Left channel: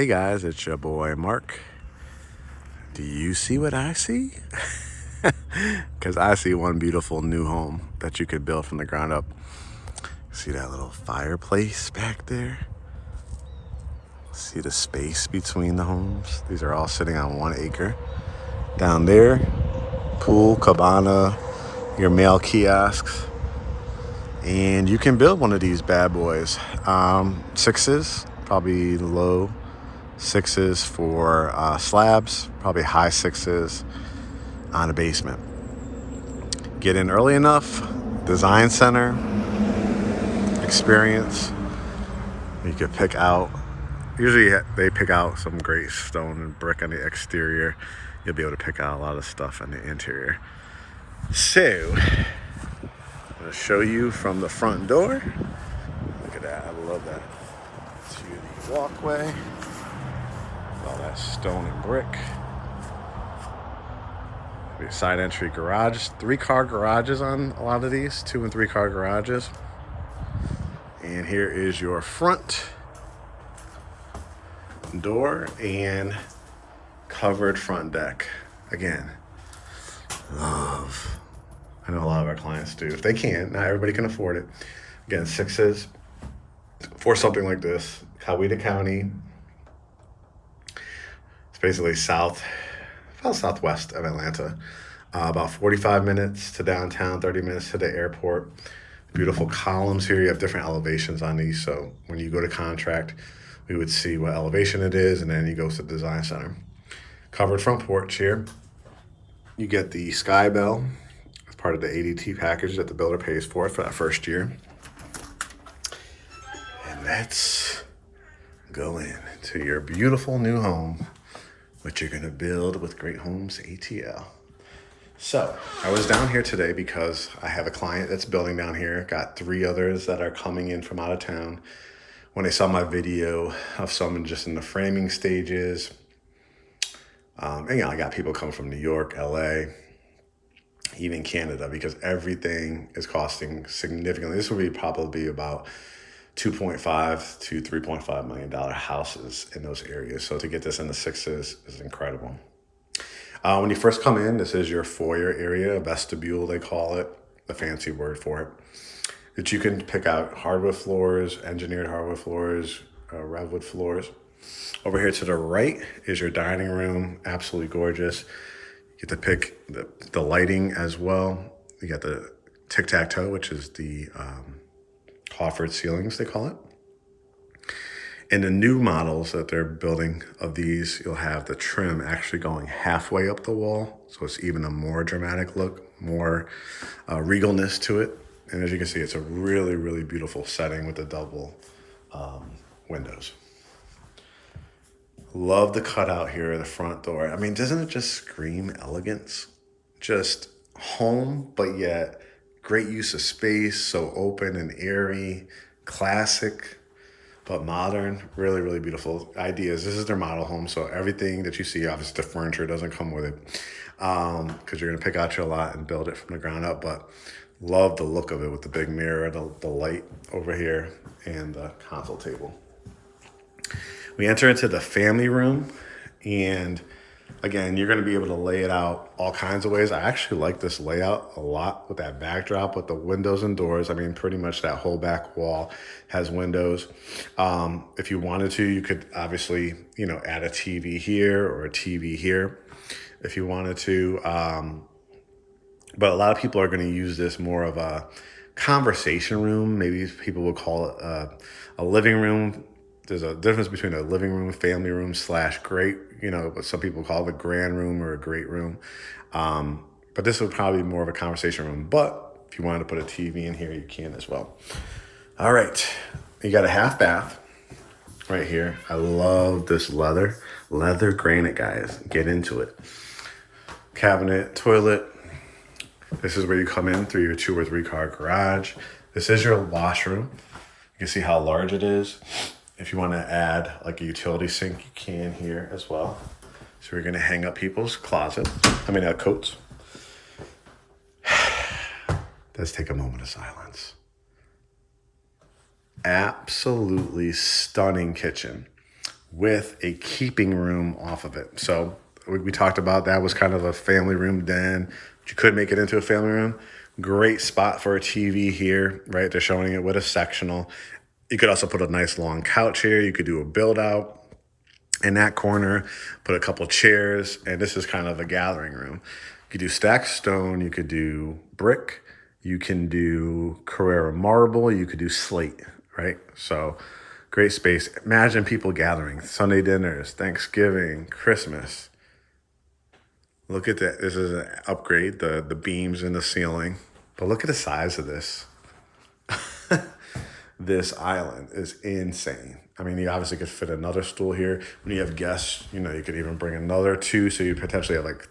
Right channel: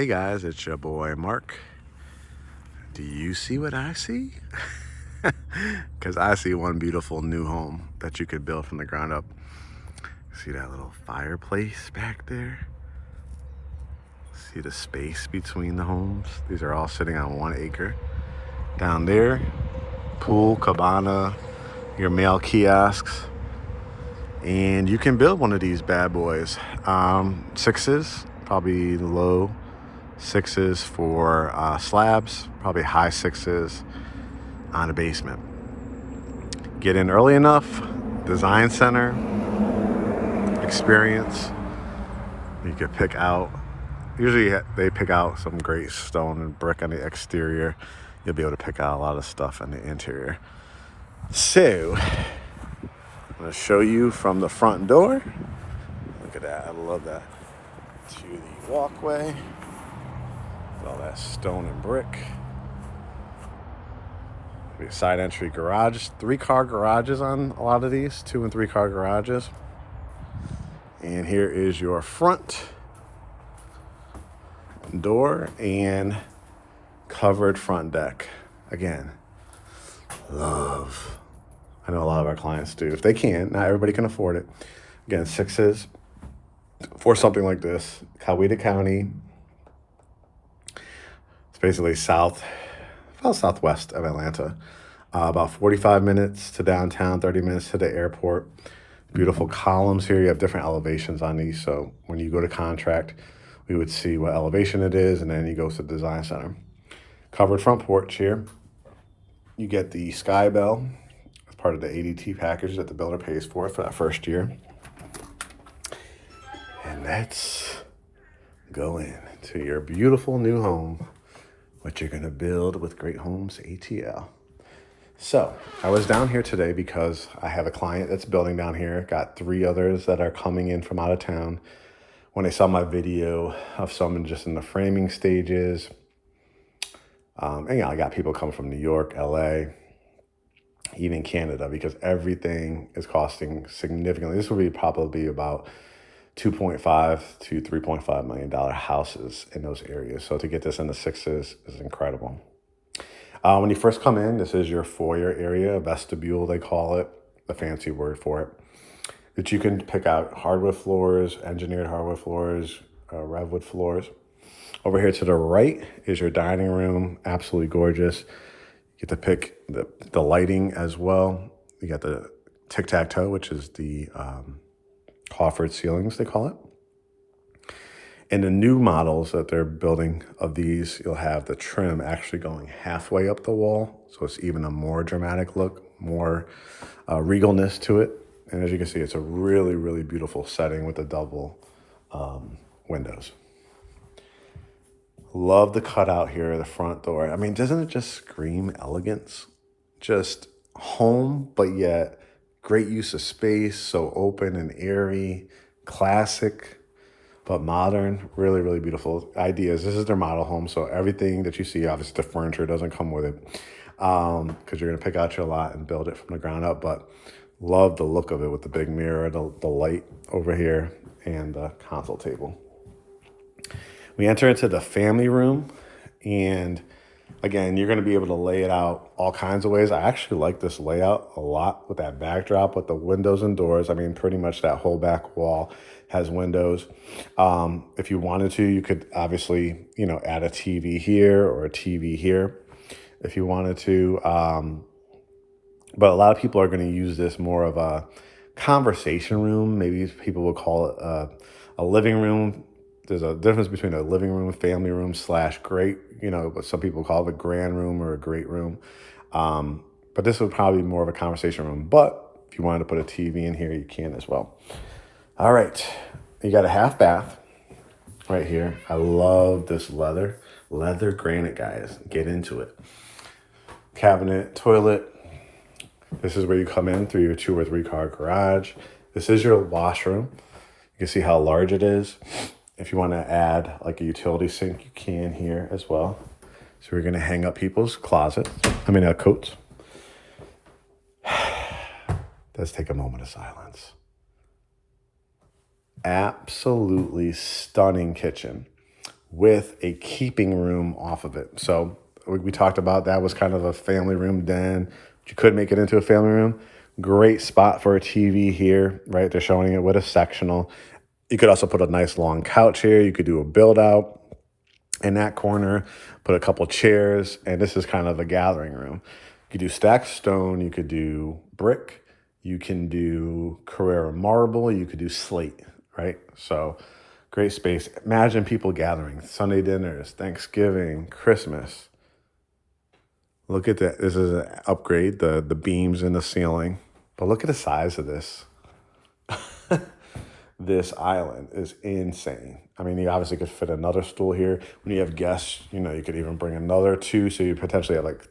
Hey guys, it's your boy Mark. Do you see what I see? Because I see one beautiful new home that you could build from the ground up. See that little fireplace back there? See the space between the homes? These are all sitting on 1 acre. Down there, pool, cabana, your mail kiosks. And you can build one of these bad boys. Sixes, probably low sixes for slabs, probably high sixes on a basement. Get in early enough, design center, experience. You could pick out, usually they pick out some great stone and brick on the exterior. You'll be able to pick out a lot of stuff on the interior. So, I'm going to show you from the front door. Look at that, I love that. To the walkway, all that stone and brick. Side entry garage, 3-car garages on a lot of these, 2 and 3-car garages. And here is your front door and covered front deck. Again, love. I know a lot of our clients do. If they can, not everybody can afford it. Again, sixes for something like this. Coweta County. It's basically southwest of Atlanta. About 45 minutes to downtown, 30 minutes to the airport. Beautiful columns here. You have different elevations on these. So when you go to contract, we would see what elevation it is, and then you go to the design center. Covered front porch here. You get the Sky Bell as part of the ADT package that the builder pays for that first year. And let's go in to your beautiful new home, what you're gonna build with GreatHomesATL. So I was down here today because I have a client that's building down here. Got 3 others that are coming in from out of town. When they saw my video of someone just in the framing stages, and I got people coming from New York, LA, even Canada, because everything is costing significantly. This will be probably about $2.5 to $3.5 million houses in those areas. So to get this in the sixes is incredible. When you first come in, this is your foyer area, vestibule they call it, the fancy word for it. That you can pick out hardwood floors, engineered hardwood floors, redwood floors. Over here to the right is your dining room, absolutely gorgeous. You get to pick the lighting as well. You got the tic-tac-toe, which is the coffered ceilings, they call it. In the new models that they're building of these, you'll have the trim actually going halfway up the wall. So it's even a more dramatic look, more regalness to it. And as you can see, it's a really, really beautiful setting with the double windows. Love the cutout here at the front door. I mean, doesn't it just scream elegance? Just home, but yet great use of space, so open and airy, classic, but modern. Really, really beautiful ideas. This is their model home, so everything that you see, obviously the furniture doesn't come with it, because you're gonna pick out your lot and build it from the ground up, but love the look of it with the big mirror, the light over here, and the console table. We enter into the family room, and again, you're gonna be able to lay it out all kinds of ways. I actually like this layout a lot with that backdrop with the windows and doors. I mean, pretty much that whole back wall has windows. If you wanted to, you could obviously, add a TV here or a TV here if you wanted to. But a lot of people are gonna use this more of a conversation room. Maybe people will call it a living room. There's a difference between a living room, family room / great, but some people call it a grand room or a great room. But this would probably be more of a conversation room. But if you wanted to put a TV in here, you can as well. All right, you got a half bath right here. I love this leather granite, guys. Get into it. Cabinet, toilet. This is where you come in through your 2 or 3-car garage. This is your washroom. You can see how large it is. If you want to add like a utility sink, you can here as well. So we're going to hang up people's coats. Let's take a moment of silence. Absolutely stunning kitchen. with a keeping room off of it. So we talked about that was kind of a family room then. You could make it into a family room. Great spot for a TV here, right? They're showing it with a sectional. You could also put a nice long couch here. You could do a build out in that corner, put a couple chairs, and this is kind of a gathering room. You could do stacked stone, you could do brick, you can do Carrara marble, you could do slate, right? So great space. Imagine people gathering, Sunday dinners, Thanksgiving, Christmas. Look at that. This is an upgrade, the beams in the ceiling. But look at the size of this. This island is insane. I mean, you obviously could fit another stool here. When you have guests, you know, you could even bring another two. So you potentially have like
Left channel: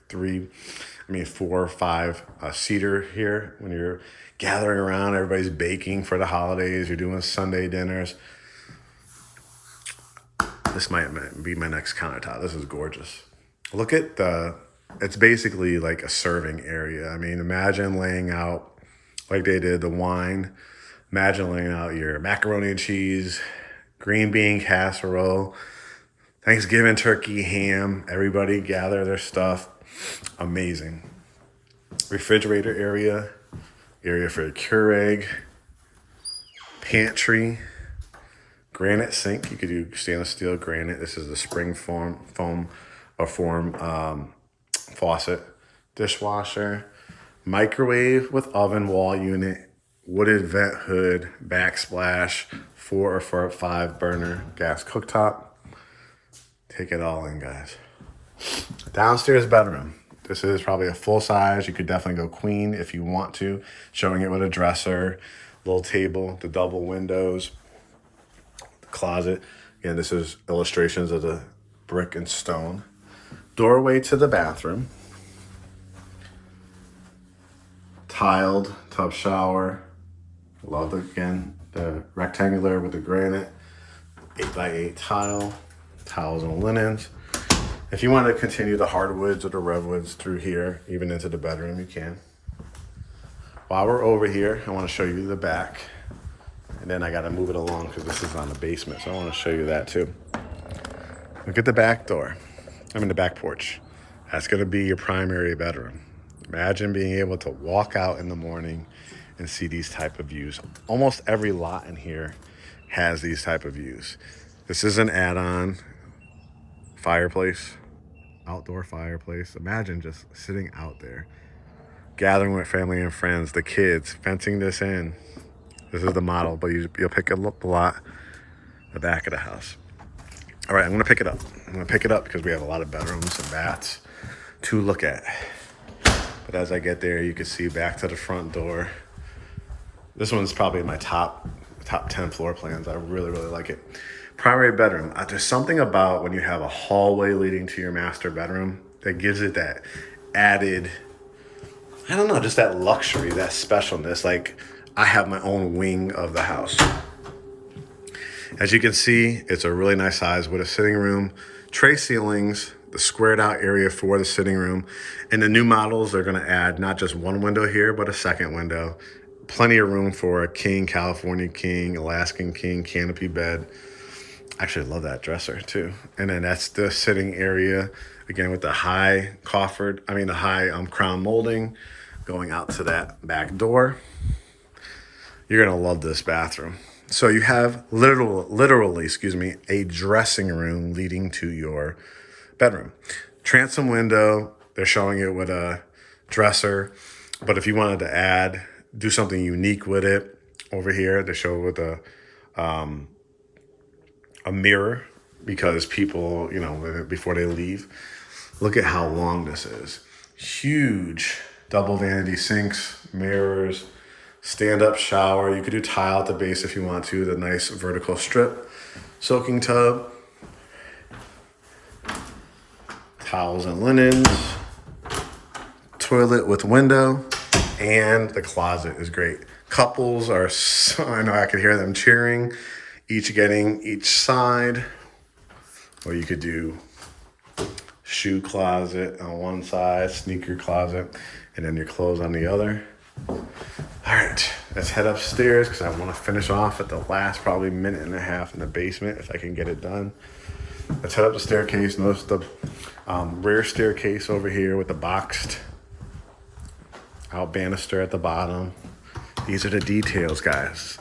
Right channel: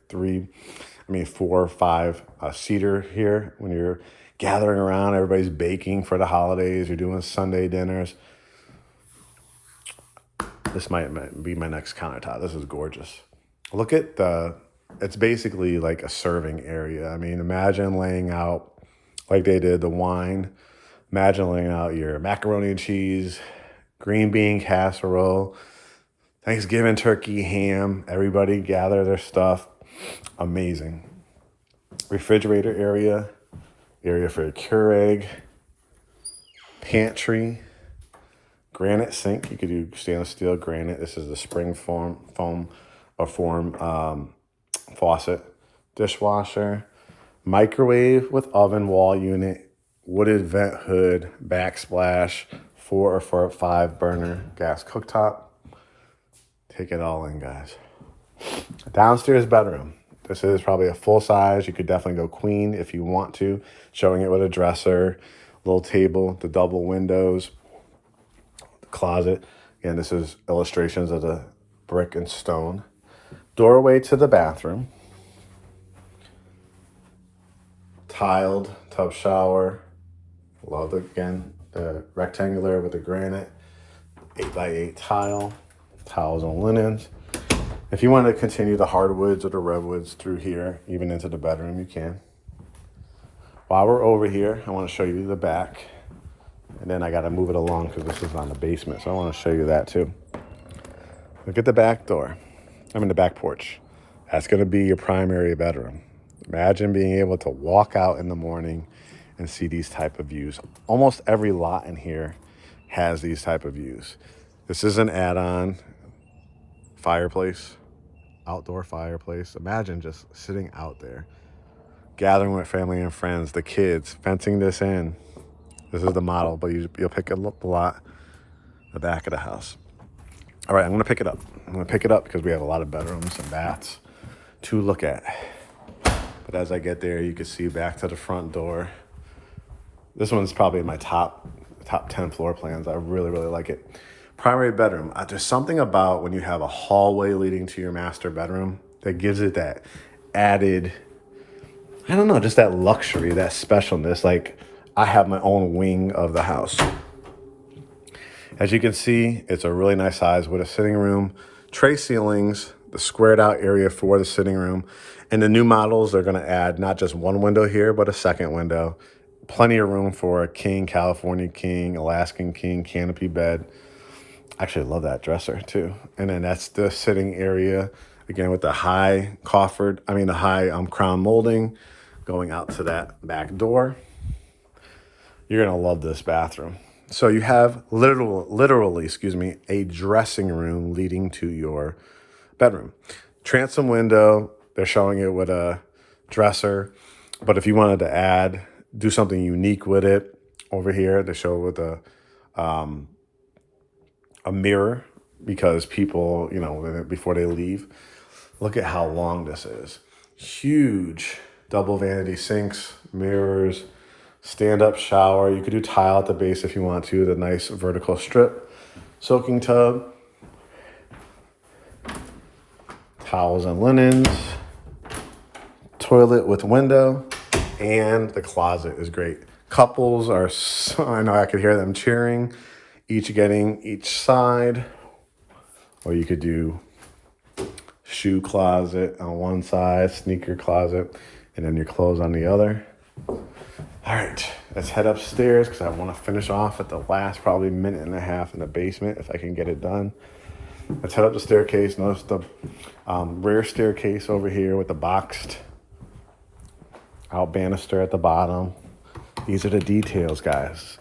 4 or 5 seater here when you're gathering around. Everybody's baking for the holidays. You're doing Sunday dinners. This might be my next countertop. This is gorgeous. Look at it's basically like a serving area. I mean, imagine laying out like they did the wine. Imagine laying out your macaroni and cheese, green bean casserole, Thanksgiving turkey, ham. Everybody gather their stuff. Amazing. Refrigerator area for your Keurig, pantry, granite sink. You could do stainless steel granite. This is the spring foam faucet, dishwasher, microwave with oven wall unit, wooded vent hood, backsplash, 4 or 5 burner gas cooktop. Take it all in, guys. Downstairs bedroom. This is probably a full size. You could definitely go queen if you want to. Showing it with a dresser, little table, the double windows, the closet. And this is illustrations of the brick and stone. Doorway to the bathroom. Tiled tub shower. Love, again, the rectangular with the granite, 8x8 tile, towels and linens. If you want to continue the hardwoods or the redwoods through here, even into the bedroom, you can. While we're over here, I want to show you the back. And then I got to move it along because this is on the basement, so I want to show you that too. Look at the back door. The back porch. That's going to be your primary bedroom. Imagine being able to walk out in the morning and see these type of views. Almost every lot in here has these type of views. This is an add-on fireplace, outdoor fireplace. Imagine just sitting out there, gathering with family and friends, the kids, fencing this in. This is the model, but you'll pick up a lot, the back of the house. All right, I'm gonna pick it up. Because we have a lot of bedrooms and baths to look at. But as I get there, you can see back to the front door. This one's probably my top 10 floor plans. I really, really like it. Primary bedroom. There's something about when you have a hallway leading to your master bedroom that gives it that added, I don't know, just that luxury, that specialness. Like I have my own wing of the house. As you can see, it's a really nice size with a sitting room, tray ceilings, the squared out area for the sitting room. And the new models, they're gonna add not just one window here, but a second window. Plenty of room for a king, California king, Alaskan king, canopy bed. Actually, I love that dresser too. And then that's the sitting area, again with the high crown molding going out to that back door. You're gonna love this bathroom. So you have literally, a dressing room leading to your bedroom. Transom window, they're showing it with a dresser. But if you wanted to do something unique with it, over here, they show with a mirror, because people, before they leave, look at how long this is. Huge double vanity sinks, mirrors, stand-up shower. You could do tile at the base if you want to, the nice vertical strip, soaking tub, towels and linens, toilet with window, and the closet is great. Couples are, I know I could hear them cheering, each getting each side. Or you could do shoe closet on one side, sneaker closet, and then your clothes on the other. All right, let's head upstairs because I want to finish off at the last probably minute and a half in the basement if I can get it done. Let's head up the staircase. Notice the rear staircase over here with the boxed out banister at the bottom. These are the details, guys.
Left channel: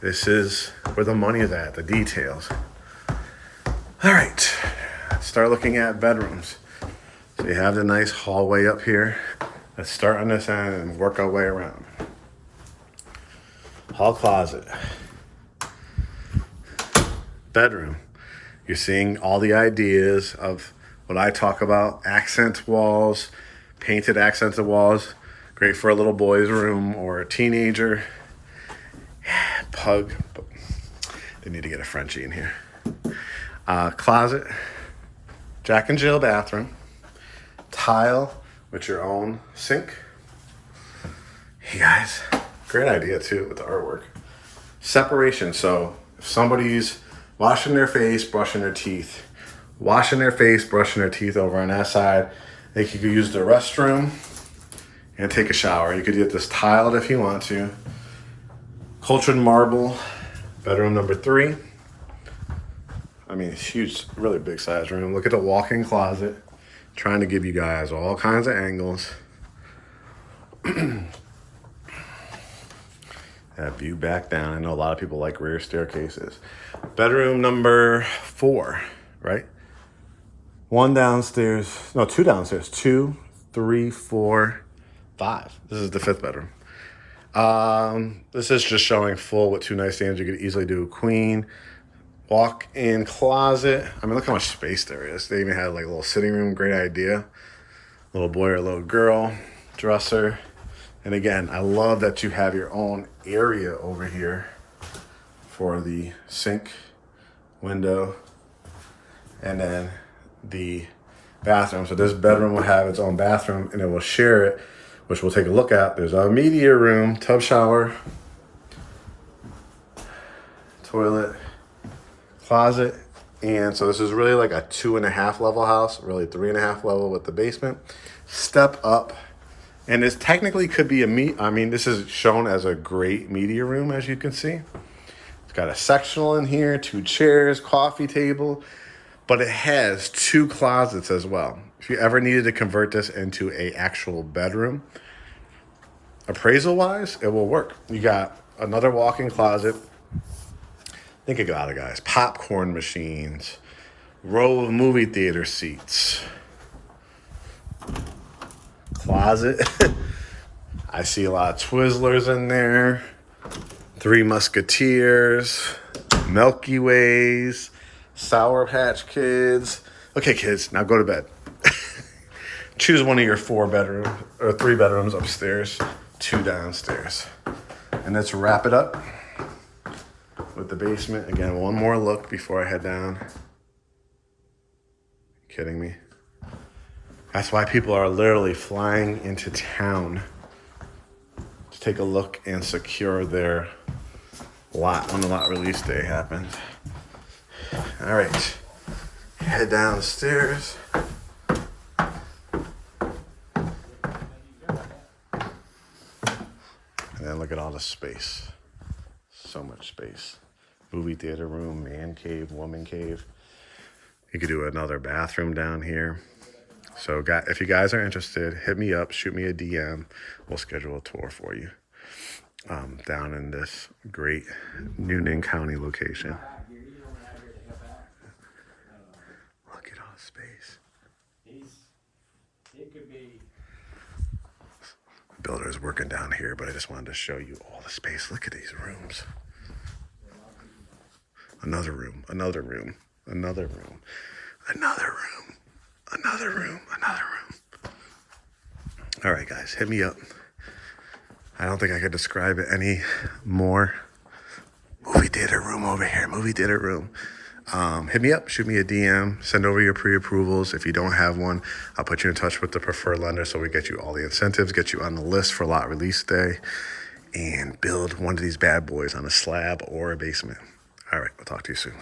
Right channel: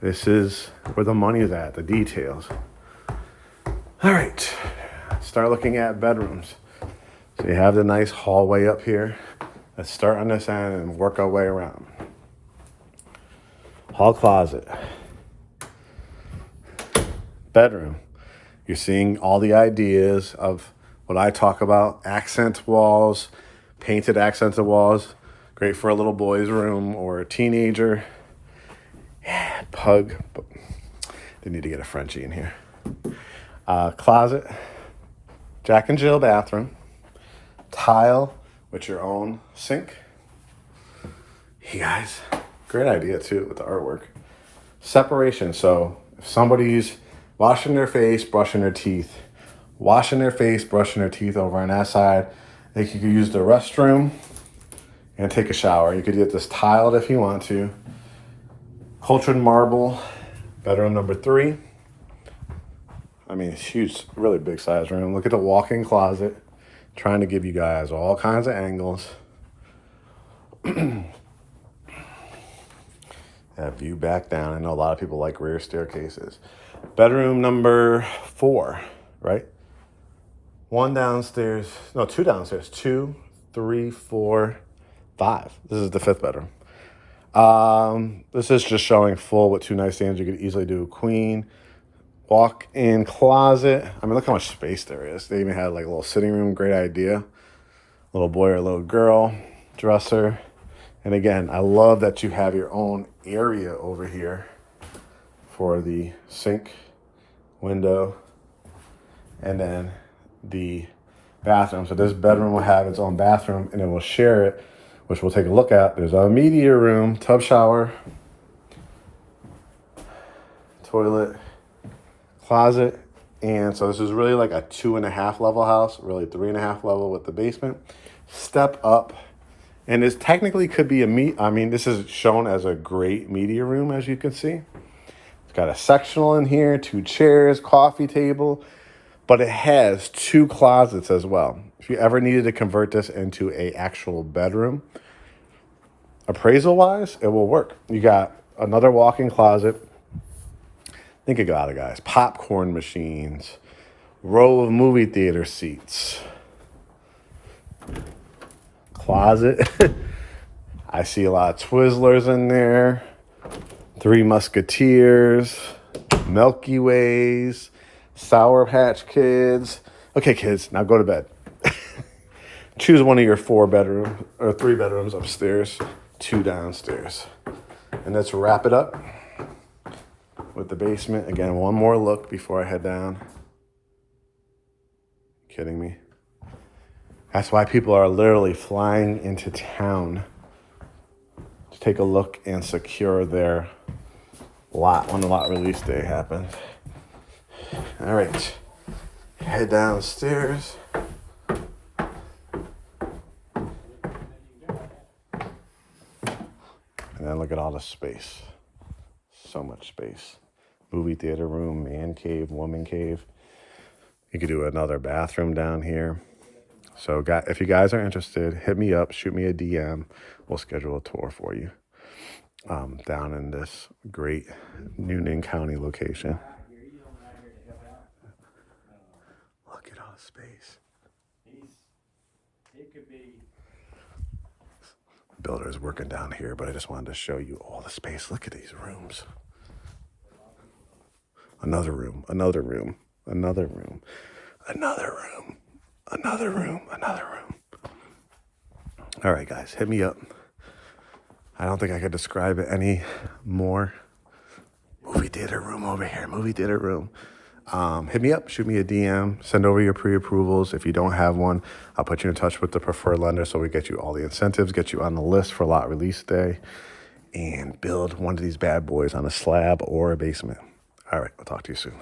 This is where the money is at, the details. All right, start looking at bedrooms. So you have the nice hallway up here. Let's start on this end and work our way around. Hall closet. Bedroom. You're seeing all the ideas of what I talk about. Accent walls, painted accented walls. Great for a little boy's room or a teenager. Pug. They need to get a Frenchie in here. Closet. Jack and Jill bathroom. Tile with your own sink. Hey guys, great idea too with the artwork. Separation, so if somebody's washing their face, brushing their teeth, washing their face, brushing their teeth over on that side, they could use the restroom and take a shower. You could get this tiled if you want to. Cultured marble, bedroom number 3. I mean, it's huge, really big size room. Look at the walk-in closet. Trying to give you guys all kinds of angles. That view back down. I know a lot of people like rear staircases. Bedroom number 4, right? 1 downstairs, no, 2 downstairs. 2, 3, 4, 5. This is the 5th bedroom. This is just showing full with 2 nightstands. You could easily do a queen. Walk-in closet. I mean, look how much space there is. They even had like a little sitting room. Great idea. Little boy or little girl. Dresser. And again, I love that you have your own area over here for the sink, window, and then the bathroom. So this bedroom will have its own bathroom, and then we'll share it, which we'll take a look at. There's a media room, tub shower, toilet, closet. And so this is really like a 2.5 level house, really 3.5 level with the basement. Step up, and this technically could be this is shown as a great media room, as you can see. It's got a sectional in here, 2 chairs, coffee table, but it has 2 closets as well. If you ever needed to convert this into a actual bedroom, appraisal wise, it will work. You got another walk-in closet. Think about it, guys. Popcorn machines, row of movie theater seats, closet. I see a lot of Twizzlers in there, 3 Musketeers, Milky Ways, Sour Patch Kids. Okay, kids, now go to bed. Choose one of your 4 bedrooms or 3 bedrooms upstairs, 2 downstairs. And let's wrap it up with the basement. Again, one more look before I head down. Kidding me? That's why people are literally flying into town to take a look and secure their lot when the lot release day happens. All right, head downstairs. And then look at all the space. So much space. Movie theater room, man cave, woman cave. You could do another bathroom down here. So if you guys are interested, hit me up, shoot me a DM. We'll schedule a tour for you down in this great Newnan County location. Look at all the space. Builder is working down here, but I just wanted to show you all the space. Look at these rooms. Another room, another room, another room, another room, another room, another room. All right, guys, hit me up. I don't think I could describe it any more. Movie theater room over here, movie theater room. Hit me up, shoot me a DM, send over your pre-approvals. If you don't have one, I'll put you in touch with the preferred lender so we get you all the incentives, get you on the list for lot release day, and build one of these bad boys on a slab or a basement. All right, I'll talk to you soon.